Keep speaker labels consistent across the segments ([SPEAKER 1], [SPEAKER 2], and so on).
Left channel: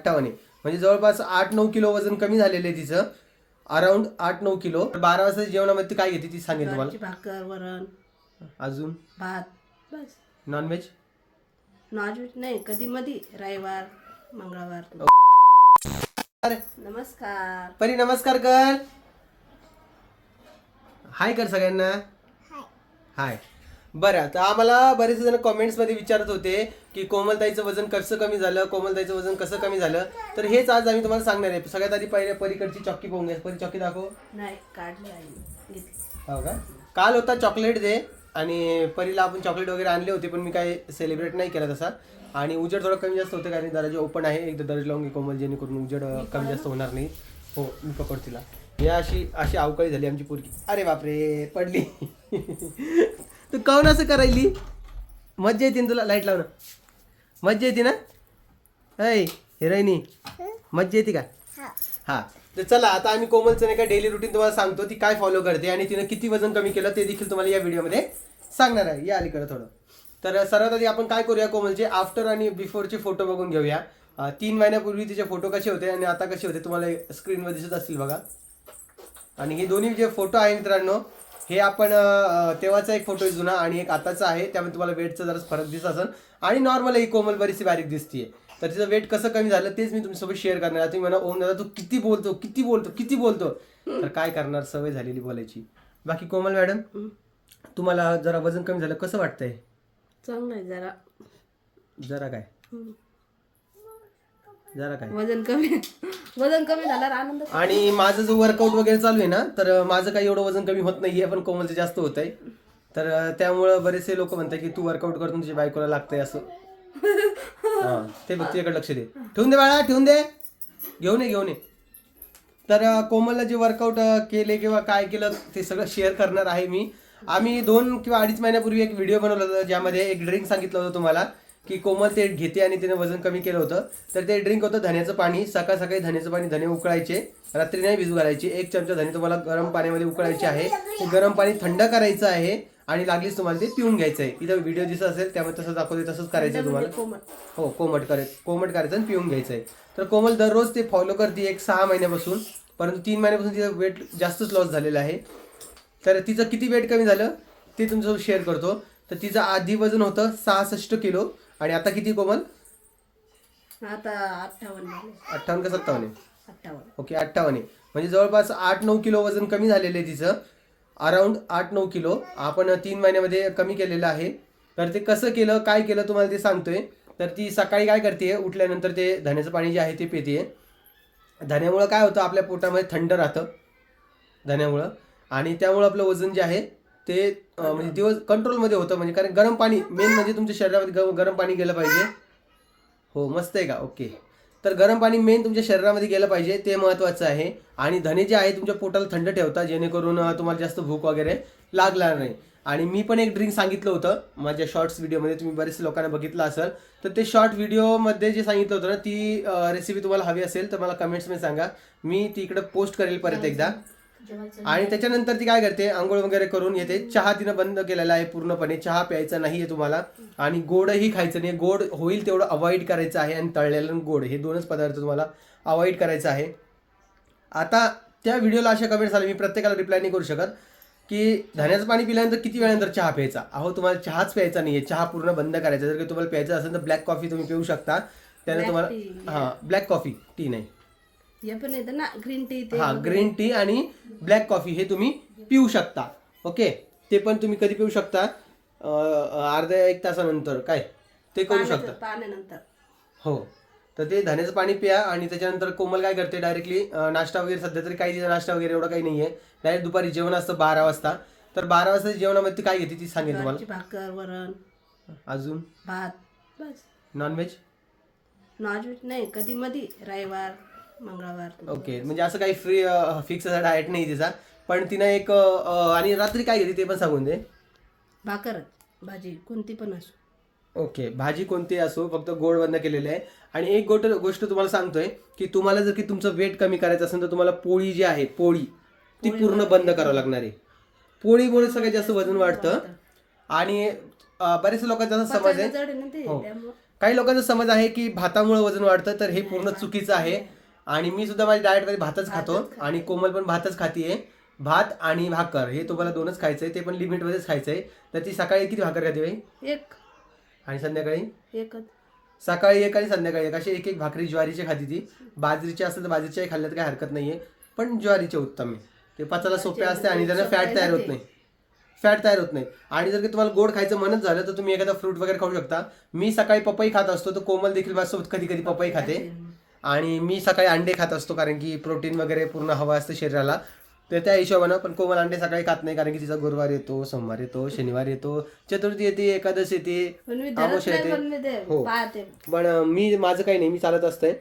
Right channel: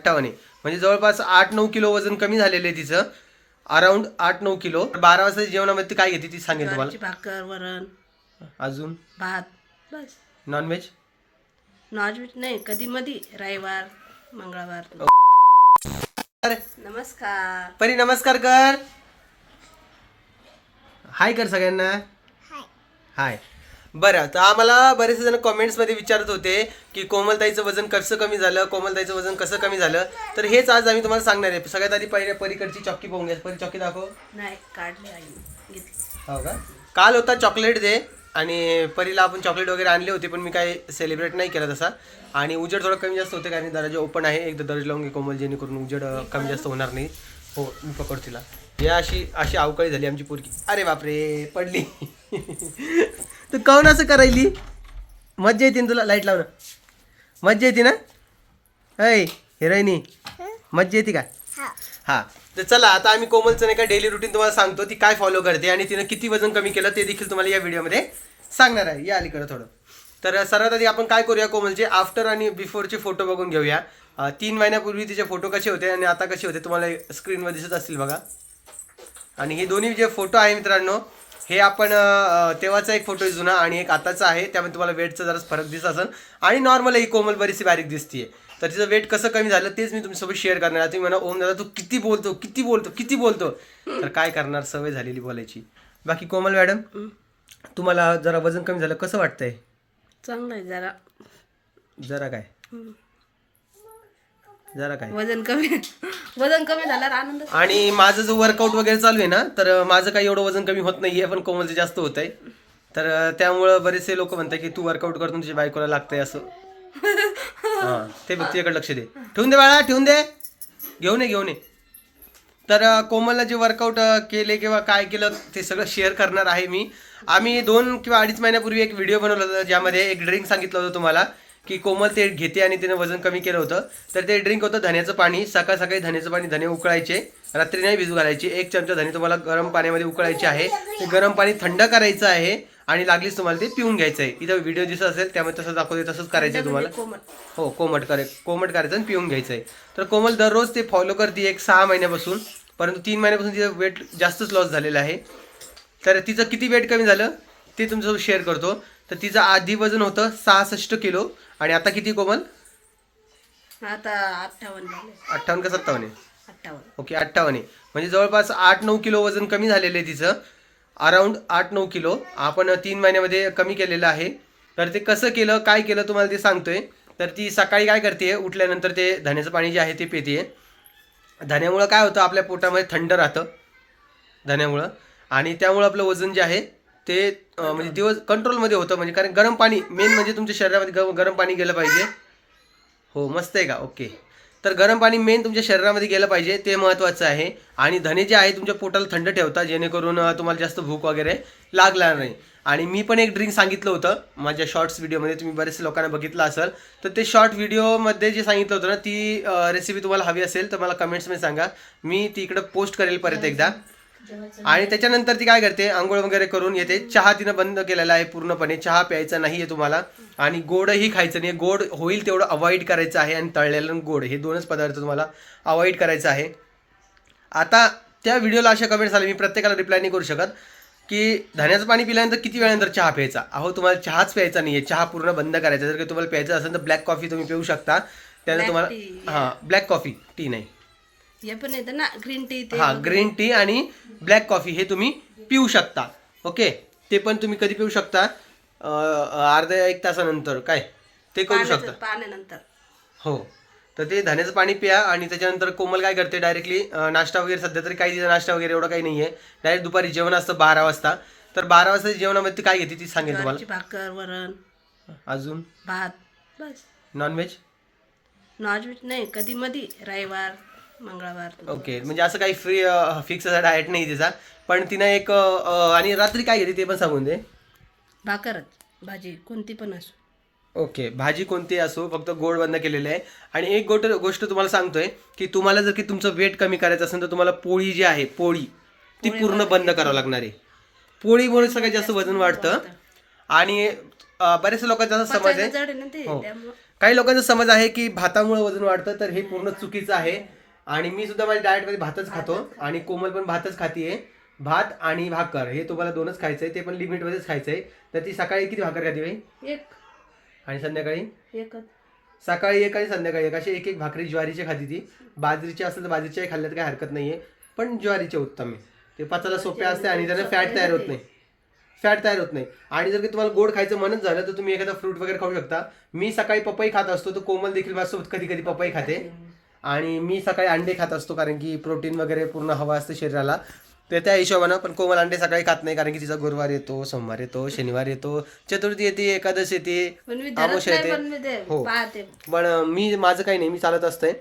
[SPEAKER 1] अठ्ठावन्न म्हणजे जवळपास आठ नऊ किलो वजन कमी झालेलं आहे तिचं. अराउंड आठ नऊ किलो. बारा वाजता जेवणामध्ये ती काय घेते ती सांगेल तुम्हाला.
[SPEAKER 2] भाकर वरण.
[SPEAKER 1] अजून?
[SPEAKER 2] भात बस.
[SPEAKER 1] नॉनव्हेज
[SPEAKER 2] नॉनव्हेज नाही कधी मधी. रविवार मंगळवार.
[SPEAKER 1] अरे.
[SPEAKER 2] नमस्कार.
[SPEAKER 1] परी नमस्कार कर. हाय कर सगळ्यांना. हाय बरं तर आम्हाला बरेचसे जण कमेंट्समध्ये विचारत होते की कोमलताईचं वजन कसं कमी झालं कोमलताईचं वजन कसं कमी झालं? तर हेच आज आम्ही तुम्हाला सांगणार आहे. सगळ्यात आधी पहिले परीकडची चॉकी पाहून घ्या. परी चॉकी दाखव.
[SPEAKER 2] नाही काढले आई
[SPEAKER 1] हो का? काल होता चॉकलेट डे आणि परीला आपण चॉकलेट वगैरे आणले होते पण मी काही सेलिब्रेट नाही केला तसा. आणि उजेड थोडं कमी जास्त होतं कारण दरवाजे ओपन आहे. एकदा दरवाजा लावून घे कोमल जेणेकरून उजेड कमी जास्त होणार नाही. हो मी पकड तिला. हे अशी अशी अवकाळी झाली आमची पोरगी. अरे बापरे पडली. तू काऊन असं करायली? मज्जा येते ना तुला? लाइट लावणं. मज्जा येते ना? ऐ हिरोईनी मज्जा येते का? हा. तर चला आता आम्ही कोमलचं नाही का डेली रुटीन तुम्हाला सांगतो ती काय फॉलो करते आणि तिनं किती वजन कमी केलं ते देखील तुम्हाला या व्हिडिओमध्ये सांगणार आहे. या अलीकडे थोडं. तर सर्वात आधी आपण काय करूया कोमलचे? आफ्टर आणि बिफोरचे फोटो बघून घेऊया. तीन महिन्यापूर्वी तिचे फोटो कसे होते आणि आता कसे होते तुम्हाला स्क्रीनवर दिसत असतील बघा. आणि हे दोन्ही जे फोटो आहे मित्रांनो हे आपण तेव्हाचा एक फोटो जुना आणि एक आताचा आहे. त्यामध्ये तुम्हाला वेटचा जरा फरक दिसत असेल. आणि नॉर्मल ही कोमल बरीचशी बारीक दिसतीये. तर तिचं वेट कसं कमी झालं तेच मी तुमच्यासोबत शेअर करणार आहे. तुम्ही म्हणा ओम दादा तू किती बोलतो किती बोलतो किती बोलतो? तर काय करणार सवय झालेली बोलायची. बाकी कोमल मॅडम तुम्हाला जरा वजन कमी झालं कसं वाटतंय?
[SPEAKER 2] चांगलं आहे जरा.
[SPEAKER 1] जरा काय. जरा काय.
[SPEAKER 2] वजन कमी वजन कमी झाल्यावर आनंद
[SPEAKER 1] आणि माझं जो वर्कआउट वगैरे चालू आहे ना तर माझं काही एवढं वजन कमी होत नाहीये पण कोमलचं जास्त होत आहे तर त्यामुळं बरेचसे लोक म्हणतात की तू वर्कआउट करतो तुझ्या बायकोला लागतंय असं. हा ते बघ तिच्याकडे लक्ष दे. ठेवून दे बाळा ठेवून दे. घेऊन ये घेऊन ये. तर कोमलला जे वर्कआउट केले किंवा काय केलं ते सगळं शेअर करणार आहे मी. आम्ही दोन किंवा अडीच महिन्यापूर्वी एक व्हिडिओ बनवला होता ज्यामध्ये एक ड्रिंक सांगितलं होतं तुम्हाला. की कोमल ते घेते आणि तिने वजन कमी केलं होतं. तर ते ड्रिंक होतं धण्याचं पाणी. सकाळ सकाळी धण्याचं पाणी धने उकळायचे. रात्री नाही भिजू घालायचे. एक चमचा धने तुम्हाला गरम पाण्यामध्ये उकळायचे आहे. ते गरम पाणी थंड करायचं आहे आणि लागलीच तुम्हाला ते पिऊन घ्यायचं आहे. इथं व्हिडिओ दिसत असेल त्यामुळे तसं दाखवते तसंच करायचं आहे तुम्हाला. हो कोमट करे कोमट करायचं आणि पिऊन घ्यायचं आहे. तर कोमल दररोज ते फॉलो करते एक सहा महिन्यापासून. परंतु तीन महिन्यापासून तिचं वेट जास्तच लॉस झालेलं आहे. तर तिचं किती वेट कमी झालं? ते तुमच्यासोबत शेअर करतो. तर तिचं आधी वजन होतं सहासष्ट किलो. आणि आता किती कोमल?
[SPEAKER 2] आता अठ्ठावन्न झाले.
[SPEAKER 1] अठ्ठावन्न का सत्तावन्न आहे?
[SPEAKER 2] अठ्ठावन्न.
[SPEAKER 1] ओके अठ्ठावन्न आहे. म्हणजे जवळपास आठ नऊ किलो वजन कमी झालेलं आहे तिचं. अराउंड आठ नऊ किलो. आपण तीन महिन्यामध्ये कमी केलेलं आहे. तर ते कसं केलं काय केलं तुम्हाला ते सांगतोय. तर ती सकाळी काय करते उठल्यानंतर ते धण्याचं पाणी जे आहे ते पिते. धण्यामुळं काय होतं आपल्या पोटामध्ये थंड राहतं. धण्यामुळं आणि त्यामुळं आपलं वजन जे आहे ते म्हणजे दिवस कंट्रोलमध्ये होतं म्हणजे कारण गरम पाणी मेन म्हणजे तुमच्या शरीरामध्ये ग- गरम पाणी गेलं पाहिजे. हो मस्त आहे का? ओके तर गरम पाणी मेन तुमच्या शरीरामध्ये गेलं पाहिजे ते महत्त्वाचं आहे. आणि धने जे आहे तुमच्या पोटाला थंड ठेवता जेणेकरून तुम्हाला जास्त भूक वगैरे लागणार नाही. आणि मी पण एक ड्रिंक सांगितलं होतं माझ्या शॉर्ट्स व्हिडिओमध्ये तुम्ही बरेचसे लोकांना बघितलं असेल तर ते शॉर्ट व्हिडिओमध्ये जे सांगितलं होतं ना ती रेसिपी तुम्हाला हवी असेल तर मला कमेंट्समध्ये सांगा. मी ती इकडं पोस्ट करेल परत एकदा. आणि त्याच्यानंतर ती काय करते आंघोळ वगैरे करून येते. चहा तिनं बंद केलेला आहे पूर्णपणे. चहा प्यायचा नाही आहे तुम्हाला. आणि गोडही खायचं नाही गोड होईल तेवढं अवॉइड करायचं आहे आणि तळलेलं आणि गोड. हे दोनच पदार्थ तुम्हाला अवॉइड करायचं आहे. आता त्या व्हिडिओला अशा कमेंट्स आल्या. मी प्रत्येकाला रिप्लाय नाही करू शकत. की धान्याचं पाणी पिल्यानंतर किती वेळानंतर चहा प्यायचा? अहो तुम्हाला चहाच प्यायचा नाही आहे चहा पूर्ण बंद करायचा. जर का तुम्हाला प्यायचं असेल तर ब्लॅक कॉफी तुम्ही पिऊ शकता. त्यानं तुम्हाला. हां ब्लॅक कॉफी टी नाही.
[SPEAKER 2] हे पण येतं ना ग्रीन टी ते
[SPEAKER 1] हा ग्रीन टी आणि ब्लॅक कॉफी हे तुम्ही पिऊ शकता. ओके ते पण तुम्ही कधी पिऊ शकता. अं, अर्ध्या एक तासानंतर काय? ते करू
[SPEAKER 2] पाण्याचं-
[SPEAKER 1] शकता.
[SPEAKER 2] पाण्यानंतर.
[SPEAKER 1] हो. तर ते धान्याचं पाणी प्या आणि त्याच्यानंतर कोमल काय करते डायरेक्टली नाश्ता वगैरे सध्या तरी काही तिचा नाश्ता वगैरे एवढं काही नाही आहे डायरेक्ट दुपारी जेवण असतं बारा वाजता. तर बारा वाजता जेवणामध्ये ती काय घेते ती सांगेल तुम्हाला.
[SPEAKER 2] ज्वारीची भाकर वरण.
[SPEAKER 1] अजून?
[SPEAKER 2] भात बस.
[SPEAKER 1] नॉनव्हेज
[SPEAKER 2] नॉनव्हेज नाही कधी मधी. रविवार. मंगळवार
[SPEAKER 1] ओके म्हणजे असं काही फ्री फिक्स असा डाएट नाही तिचा. पण तिनं एक आणि रात्री काय घेते ते पण सांगून दे.
[SPEAKER 2] भाकरच भाजी कोणती पण असो.
[SPEAKER 1] ओके भाजी कोणती असो फक्त गोड बंद केलेले आहे. आणि एक गोट गोष्ट तुम्हाला सांगतोय की तुम्हाला जर की तुमचं वेट कमी करायचं असेल तर तुम्हाला पोळी जी आहे पोळी ती पूर्ण बंद करावं लागणार आहे. पोळीमुळे सगळ्यात जास्त वजन वाढतं. आणि अं, बऱ्याचशा लोकांचा असा समज आहे. हो. काही लोकांचा समज आहे की भातामुळे वजन वाढतं तर हे पूर्ण चुकीचं आहे. आणि मी सुद्धा माझ्या डाएटमध्ये भातच खातो आणि कोमल पण भातच खातीये. भात आणि भाकर हे तुम्हाला दोनच खायचंय ते पण लिमिटमध्येच खायचंय. तर ती सकाळी किती भाकर खाते बाई?
[SPEAKER 2] एक.
[SPEAKER 1] आणि संध्याकाळी?
[SPEAKER 2] एकच.
[SPEAKER 1] सकाळी एक आणि संध्याकाळी एक. अशी एक एक भाकरी ज्वारीची खाती ती. बाजरीची असेल तर बाजरीच्याही खाल्ल्यात काही हरकत नाहीये. पण ज्वारीचे उत्तम आहे. ते पचायला सोपे असते आणि त्यांना फॅट तयार होत नाही. फॅट तयार होत नाही. आणि जर का तुम्हाला गोड खायचं मनच झालं तर तुम्ही एखादा फ्रूट वगैरे खाऊ शकता. मी सकाळी पपई खात असतो तर कोमल देखील माझ्यासोबत कधी कधी पपई खाते. आणि मी सकाळी अंडे खात असतो कारण की प्रोटीन वगैरे पूर्ण हवं असतं शरीराला. तर त्या हिशोबानं पण कोमल अंडे सकाळी खात नाही कारण की तिचा गुरुवार येतो सोमवार येतो शनिवार येतो चतुर्थी येते एकादश येते
[SPEAKER 2] पण मी
[SPEAKER 1] आमोश येते. हो. पण मी माझं काही नाही मी चालत असतंय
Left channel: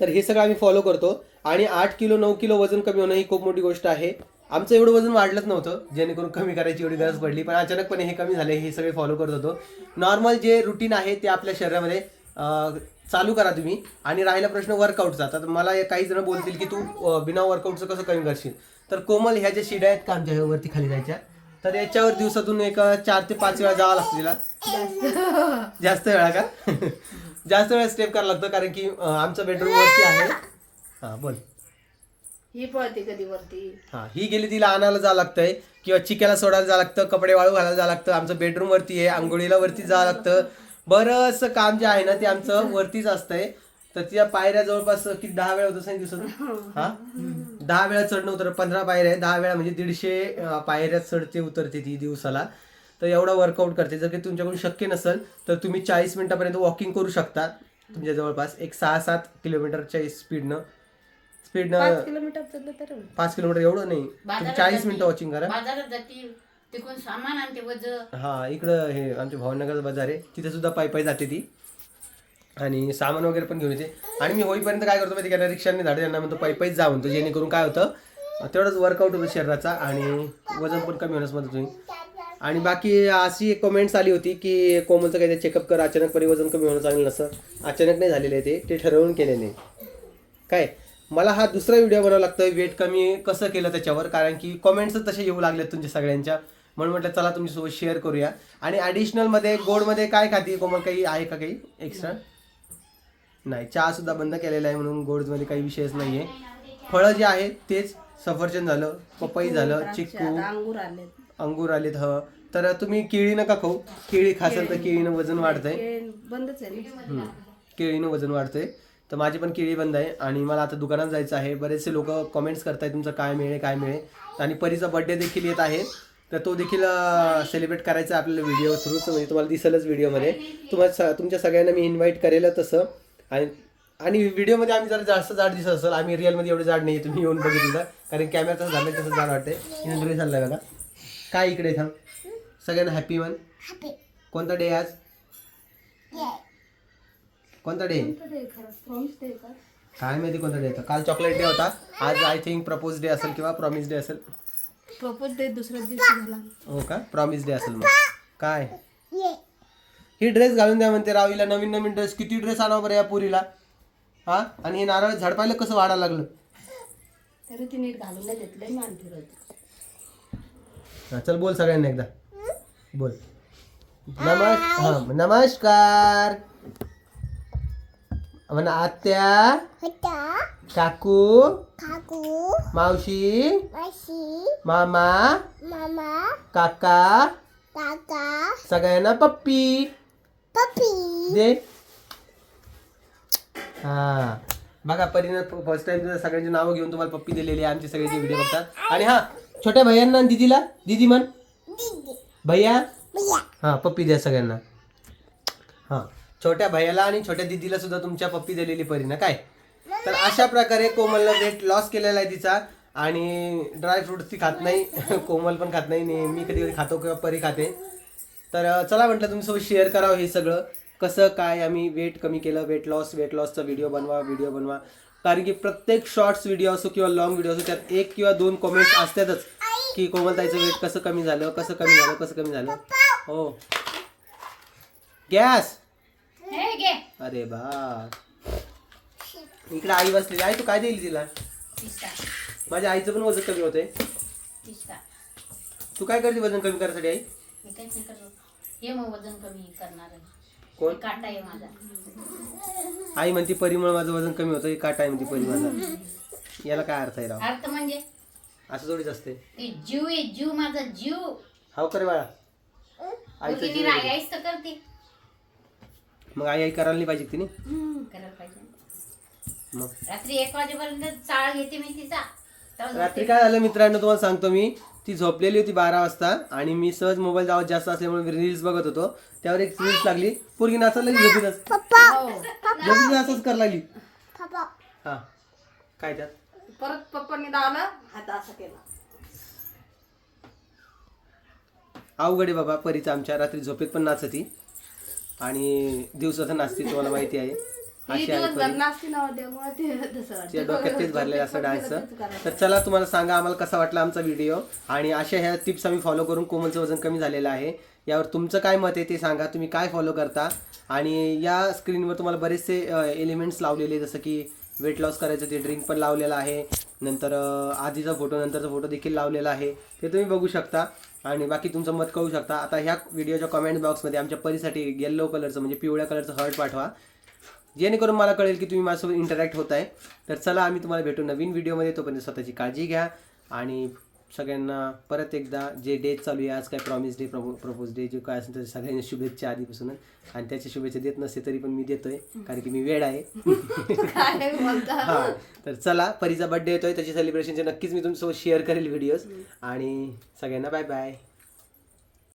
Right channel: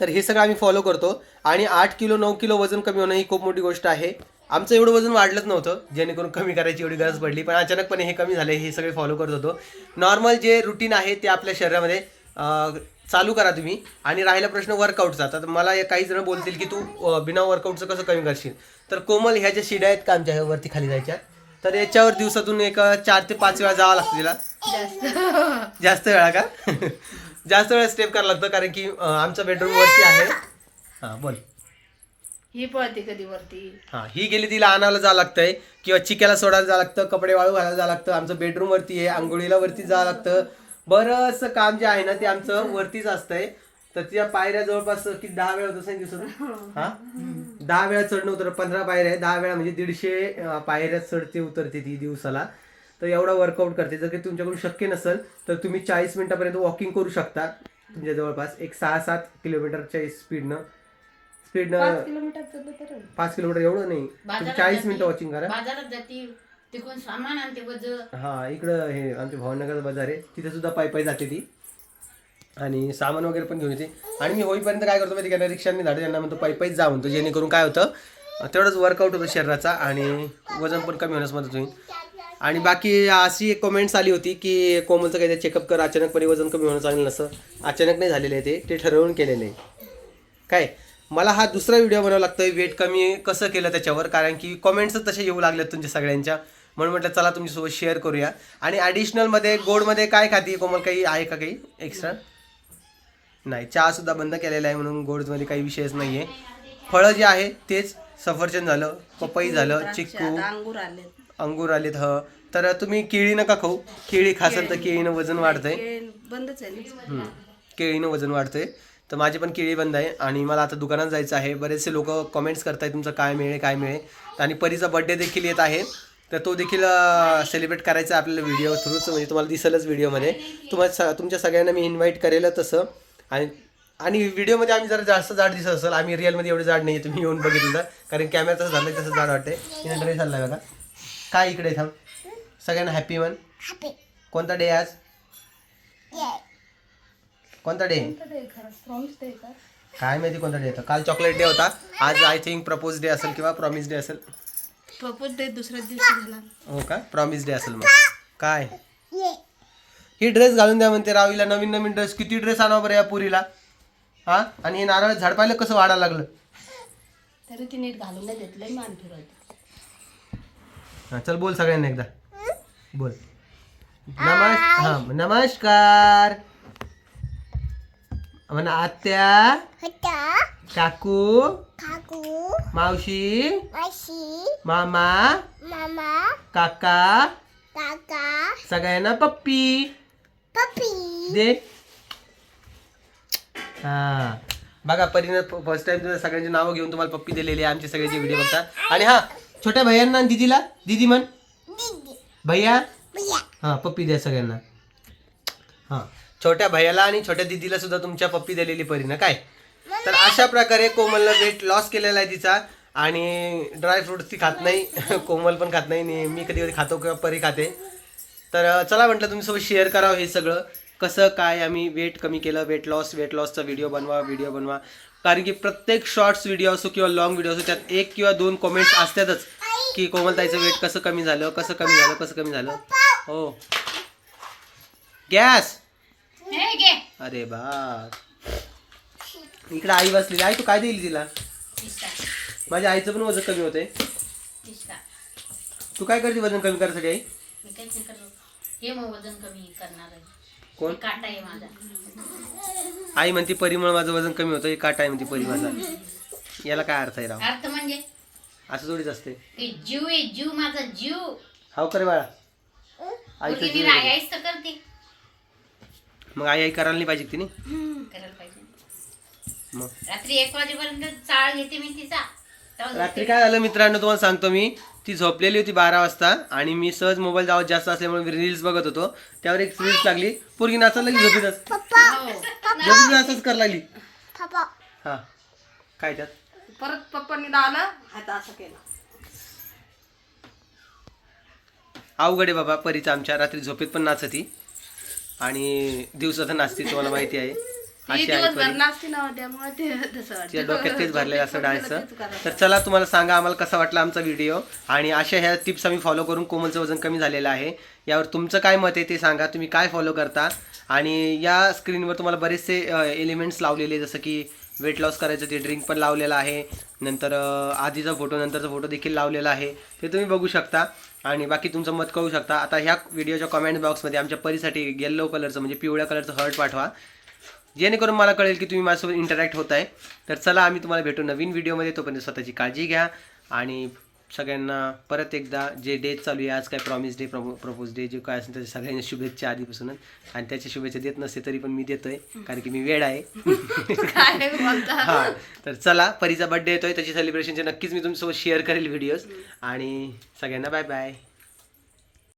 [SPEAKER 1] तर हे सगळं आम्ही फॉलो करतो. आणि आठ किलो नऊ किलो वजन कमी होणं ही खूप मोठी गोष्ट आहे. आमचं एवढं वजन वाढलंच नव्हतं जेणेकरून कमी करायची एवढी गरज पडली पण अचानकपणे हे कमी झाले हे सगळे फॉलो करत होतो. नॉर्मल जे रुटीन आहे ते आपल्या शरीरामध्ये चालू करा तुम्ही. आणि राहिला प्रश्न वर्कआउटचा तर मला काही जण बोलतील की तू बिना वर्कआउटचं कसं कमी करशील? तर कोमल ह्या ज्या शिड्या आहेत का आमच्या वरती खाली जायच्या? तर याच्यावर दिवसातून एक चार ते पाच वेळा जावं लागतं तिला. जास्त. वेळा का? जास्त वेळा स्टेप करावं लागतं कारण की आमचं बेडरूम वरती आहे. हा बोल.
[SPEAKER 2] ही पळते कधी वरती.
[SPEAKER 1] हा ही गेली तिला आणायला जावं लागतंय किंवा चिक्याला सोडायला जावं लागतं कपडे वाळू घालायला जावं लागतं. आमचं बेडरूम वरती आहे आंघोळीला वरती जावं लागतं. बरंचसं काम जे आहे ना ते आमचं वरतीच असतंय. तर त्या पायऱ्या जवळपास किती दहा वेळा होतं दिवसात हा? दहा वेळा चढणं उतर पंधरा पायऱ्या आहे. दहा वेळा म्हणजे दीडशे पायऱ्या चढते उतरते ती दिवसाला. तर एवढा वर्कआउट करते. जर काही तुमच्याकडून शक्य नसेल तर तुम्ही चाळीस मिनिटापर्यंत वॉकिंग करू शकता तुमच्या जवळपास. एक सहा सात किलोमीटरच्या स्पीडनं स्पीडनं
[SPEAKER 2] पाच किलोमीटर
[SPEAKER 1] एवढं नाही. तुम्ही चाळीस मिनिटं वॉचिंग करा.
[SPEAKER 3] बाजारात जाती. तिकडून सामान आणते वज
[SPEAKER 1] हा इकडं हे आमच्या भावनगर बाजार आहे. तिथे सुद्धा पायी पायी जाते ती. आणि सामान वगैरे पण घेऊन येते. आणि मी होईपर्यंत काय करतो माहिती का? रिक्षाने धाडे त्यांना म्हणतो पायी पायीच जा म्हणतो जेणेकरून काय होतं तेवढंच वर्कआउट होतं शरीराचा आणि वजन पण कमी होण्यास मदत होईल. आणि बाकी अशी एक कमेंट्स आली होती की कोमलचं काही चेकअप कर अचानकपणे वजन कमी होणं चांगलं नसतं. अचानक नाही झालेलं आहे ते. ते ठरवून केलेलं आहे काय? मला हा दुसरा व्हिडिओ बनवावा लागतोय. वेट कमी कसं केलं त्याच्यावर? कारण की कमेंट्स तसे येऊ लागले तुमच्या सगळ्यांच्या. म्हणून म्हटलं चला तुमच्यासोबत शेअर करूया. आणि ॲडिशनलमध्ये गोडमध्ये काय खाती? कोमल काही आहे का काही एक्स्ट्रा नाही चहा सुद्धा बंद केलेला आहे म्हणून गोडमध्ये काही विषयच नाही आहे फळं जे आहे तेच सफरचंद झालं पपई झालं चिक्कू.
[SPEAKER 2] अंगूर आले
[SPEAKER 1] अंगूर आलेत ह. तर तुम्ही केळी नका खाऊ. केळी खासाल तर केळीनं वजन वाढतंय.
[SPEAKER 2] बंदच आहे.
[SPEAKER 1] केळीनं वजन वाढतंय. तर माझी पण केळी बंद आहे आणि मला आता दुकानात जायचं आहे. बरेचसे लोक कमेंट्स करतायत तुमचं काय मिळेल काय मिळेल. आणि परीचा बड्डे देखील येत आहे. तर तो देखील सेलिब्रेट करायचा आहे आपल्याला व्हिडिओ थ्रूच म्हणजे तुम्हाला दिसेलच व्हिडिओमध्ये तुम्हाला स तुमच्या सगळ्यांना मी इन्व्हाइट करेल तसं. आणि आणि व्हिडिओमध्ये आम्ही जरा जास्त जाड दिसत असेल. आम्ही रिअलमध्ये एवढे जाड नाही तुम्ही येऊन बघितलं. कारण कॅमेरा तसं झालं तसं जाड वाटते ड्रेस आला बघा. काय इकडे थांब. सगळ्यांना हॅपी मन कोणता डे आज? कोणता डे काय माहिती कोणता डे होता. काल चॉकलेट डे होता. आज आय थिंक प्रपोज डे असेल किंवा प्रॉमिस डे असेल.
[SPEAKER 2] प्रपोज डे दुसऱ्या दिवशी झाला.
[SPEAKER 1] हो का? प्रॉमिस डे असेल मग. काय? ही ड्रेस घालून द्या म्हणते रावीला. नवीन नवीन ड्रेस किती ड्रेस आणावं बरं या पुरीला? हा? आणि हे नारळ झाड पाहिलं कसं वाढायला लागलं?
[SPEAKER 2] तरी ती नीट घालून नाही देतलंय मान फिरवते.
[SPEAKER 1] हा, चल बोल सगळ्यांना एकदा. बोल. नमस् हा नमस्कार. म्हणा आत्या काकू
[SPEAKER 4] काकू?
[SPEAKER 1] मावशी
[SPEAKER 4] माशी
[SPEAKER 1] मामा
[SPEAKER 4] मामा?
[SPEAKER 1] काका
[SPEAKER 4] काका?
[SPEAKER 1] सगळ्यांना पप्पी.
[SPEAKER 4] पप्पी?
[SPEAKER 1] दे. हा. बघा परीने फर्स्ट टाइम सगळ्यांची नावं घेऊन तुम्हाला पप्पी दिलेली आहे आमचे सगळ्यांचे व्हिडिओ बघतात. आणि हा छोट्या भैयांना आणि दीदीला. दीदी म्हण.
[SPEAKER 4] दीदी.
[SPEAKER 1] भैया?
[SPEAKER 4] भैया.
[SPEAKER 1] हा पप्पी द्या सगळ्यांना. हा. छोट्या भैयाला आणि छोट्या दीदीला सुद्धा तुमच्या पप्पी दिलेली परीनं काय? तर अशा प्रकारे कोमलनं वेट लॉस केलेला आहे तिचा आणि ड्राय फ्रुट्स ती खात नाही. कोमल पण खात नाही मी कधी कधी खातो किंवा परी खाते. तर चला म्हटलं तुमच्यासोबत शेअर करावं हे सगळं. कसं काय आम्ही वेट कमी केलं? वेट लॉस वेट लॉसचा व्हिडिओ बनवा व्हिडिओ बनवा. कारण की प्रत्येक शॉर्ट्स व्हिडिओ असो किंवा लॉंग व्हिडिओ असो त्यात एक किंवा दोन कमेंट्स असतातच की कोमलताईचं वेट कसं कमी झालं कसं कमी झालं कसं कमी झालं. हो. गॅस अरे बा. इकडे आई बसलेली. आई तू काय देईल तिला? माझ्या आईचं पण वजन कमी होते तू काय करते वजन कमी करायसाठी आई?
[SPEAKER 3] मी काहीच नाही करत हे मग वजन कमी करणार आहे.
[SPEAKER 1] कोण?
[SPEAKER 3] काटा आहे माझा.
[SPEAKER 1] आई म्हणते परिमळ माझं वजन कमी होतं हे काटा आहे म्हणते परी माझा. याला काय अर्थ आहे राव?
[SPEAKER 3] अर्थ म्हणजे?
[SPEAKER 1] असं थोडीच असते.
[SPEAKER 3] ते जीव आहे जीव माझा जीव.
[SPEAKER 1] हाव करे बाळा.
[SPEAKER 3] तर करते.
[SPEAKER 1] मग आई आई करायला नाही पाहिजे तिने?
[SPEAKER 3] करायला पाहिजे.
[SPEAKER 1] मग.
[SPEAKER 3] रात्री एक वाजेपर्यंत चाळ घेते मी तिचा.
[SPEAKER 1] रात्री. काय झालं मित्रांनो तुम्हाला सांगतो मी. ती झोपलेली होती बारा वाजता आणि मी सहज मोबाईल जावत जास्त असल्यामुळे रील्स बघत होतो. त्यावर एक रील्स लागली. पोरगी नाचायला लागली झोपीतच
[SPEAKER 3] हो.
[SPEAKER 1] झोपीत नाचच करायला लागली.
[SPEAKER 4] पप्पा.
[SPEAKER 1] हा. काय त्यात?
[SPEAKER 2] परत पप्पांनी दावलं आता असं केलं.
[SPEAKER 1] अवघड आहे बाबा परीचं आमच्या रात्री झोपेत पण नाचती. आणि दिवसात नाचते तुम्हाला माहिती आहे. अशी परी. तिच्या डोक्यात तेच भरलेलं असं डान्सचं. तर चला तुम्हाला सांगा आम्हाला कसा वाटला आमचा व्हिडिओ. आणि अशा ह्या टिप्स आम्ही फॉलो करून कोमलचं वजन कमी झालेलं आहे. यावर तुमचं काय मत आहे ते सांगा. तुम्ही काय फॉलो करता? आणि या स्क्रीनवर तुम्हाला बरेचसे एलिमेंट्स लावलेले जसं की वेट लॉस करायचं ते ड्रिंक पण लावलेलं आहे. नंतर अ, आधीचा फोटो नंतरचा फोटो देखील लावलेला आहे. ते तुम्ही बघू शकता. आणि बाकी तुमचं मत कळू शकता. आता ह्या व्हिडिओच्या कमेंट बॉक्समध्ये आमच्या परीसाठी येल्लो कलरचं म्हणजे पिवळ्या कलरचं हर्ट पाठवा. जेणेकरून मला कळेल की तुम्ही माझ्यासोबत इंटरॅक्ट होत आहे तर चला आम्ही तुम्हाला भेटू नवीन व्हिडिओमध्ये तोपर्यंत स्वतःची काळजी घ्या आणि सगळ्यांना परत एकदा जे डेट चालू आहे आज काय प्रॉमिस डे प्रपोज डे जे काय असेल त्याच्या सगळ्यांना शुभेच्छा आधीपासूनच. आणि त्याच्या शुभेच्छा देत नसते तरी पण मी देतोय कारण की मी वेळ आहे. हा तर चला परीचा बर्थडे येतोय त्याची सेलिब्रेशनचे नक्कीच मी तुमच्यासोबत शेअर करेल व्हिडिओज आणि सगळ्यांना बाय बाय